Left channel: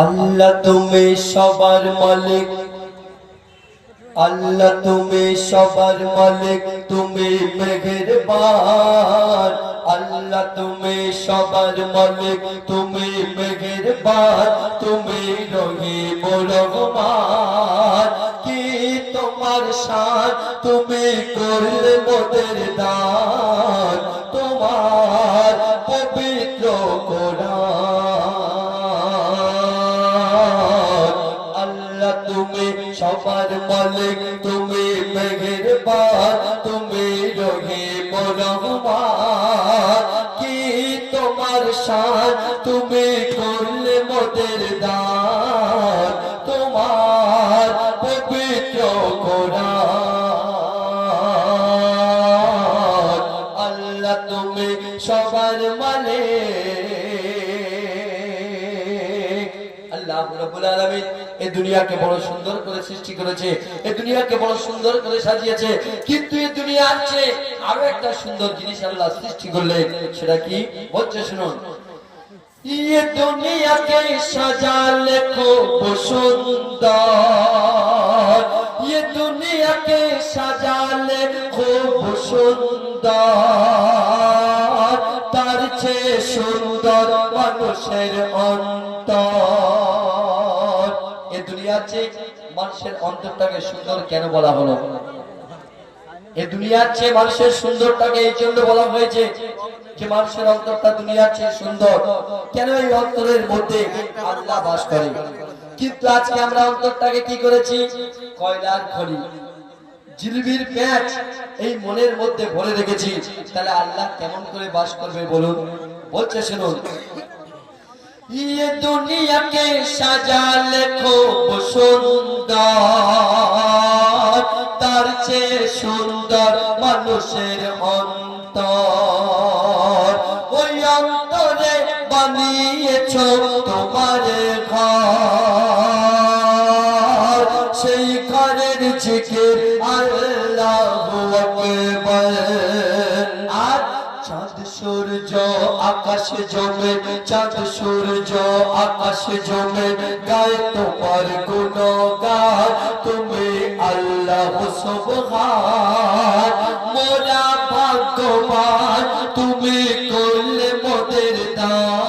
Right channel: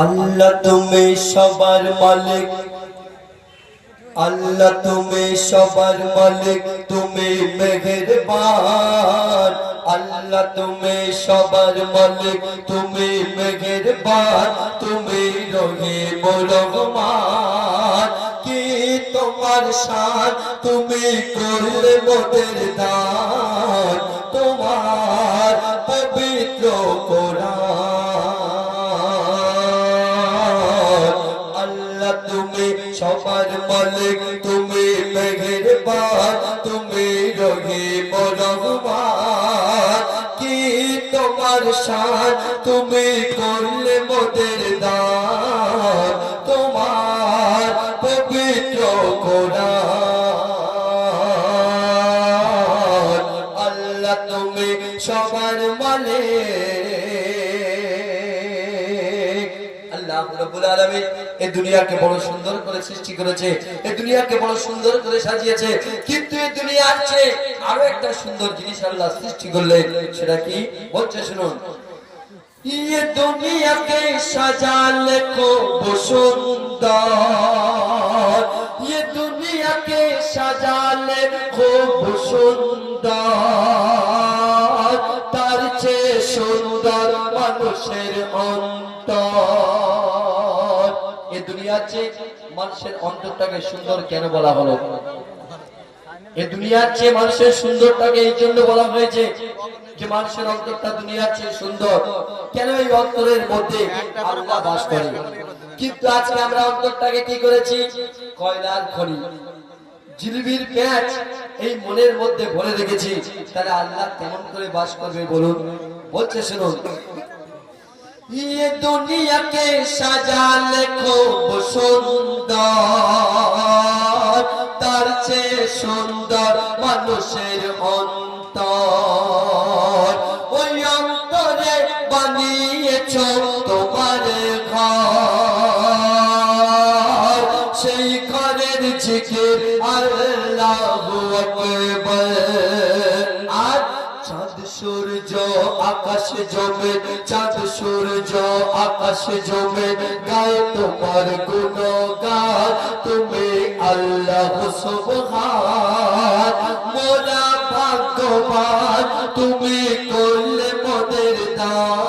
আল্লাহ তুমি সবার মালিক, আল্লাহ তুমি সবার মালিক, তুমি মেহেরবান। আল্লাহ তুমি সবার মালিক, তুমি মেহেরবান, তুমি রহিম রহমান। কি তোমার শান, তুমি করলে মোদের দান, তোমার পবিত্র কোরআন। আল্লাহ তুমি সবার মালিক, তুমি মেহেরবান, তুমি রহিম রহমান। কি তোমার শান, তুমি করলে মোদের দান, তোমার পবিত্র কোরআন। আল্লাহ তুমি সবার মালিক। আল্লাহ রাব্বুল আলামিন এই দুনিয়াকে বড় সুন্দর করে সৃষ্টি করেছে, এই দুনিয়াকে বড় সুন্দর করে সাজিয়েছে, কিন্তু এই দুনিয়ার চেয়ে আরো একটা সুন্দর জিনিস আল্লাহ সৃষ্টি করলেন। সেটা কি বলছে শুনুন। ये दुनिया के सजाले खूब सुंदर, ये दुनिया के सजाले खूब सुंदर, तार चे सुंदर মানুষের অন্তর। এই দুনিয়ার চেয়ে মানুষের অন্তরটাকে সুন্দর কেন বলা হলো? এই দুনিয়ার চেয়ে মানুষের সুন্দরটাকে এই জন্য বলা হয়েছে যে মানুষের অন্তরটা দুনিয়ার চেয়ে সুন্দর। কেন? এই অন্তরের মধ্যে আল্লাহ বাস করে। কিন্তু আজকে আমরা অন্তরটাকে কি করেছি? কয়লার খনি, জিলিবির প্যাচ এই মনের মধ্যে ভরে রেখেছি। তাহলে আল্লাহ কেমন করে বাস করবে বলুন? বলছে শুনুন। ये दुनिया के सजाले खूब सुंदर, तार চেয়ে সুন্দর মানুষের অন্তর। ওই অন্তরে বানিয়েছ তোমার ঘর, সেই ঘরের জিকির আল্লাহু আকবার। আর চাঁদ সূর্য আকাশ জমে, চাঁদ সূর্য আকাশ জমে গায়ে তোমার গুণগান, তুমি আল্লাহ সুবহান। মোরা ভাগ্যবান, তুমি করলে মোদের দান।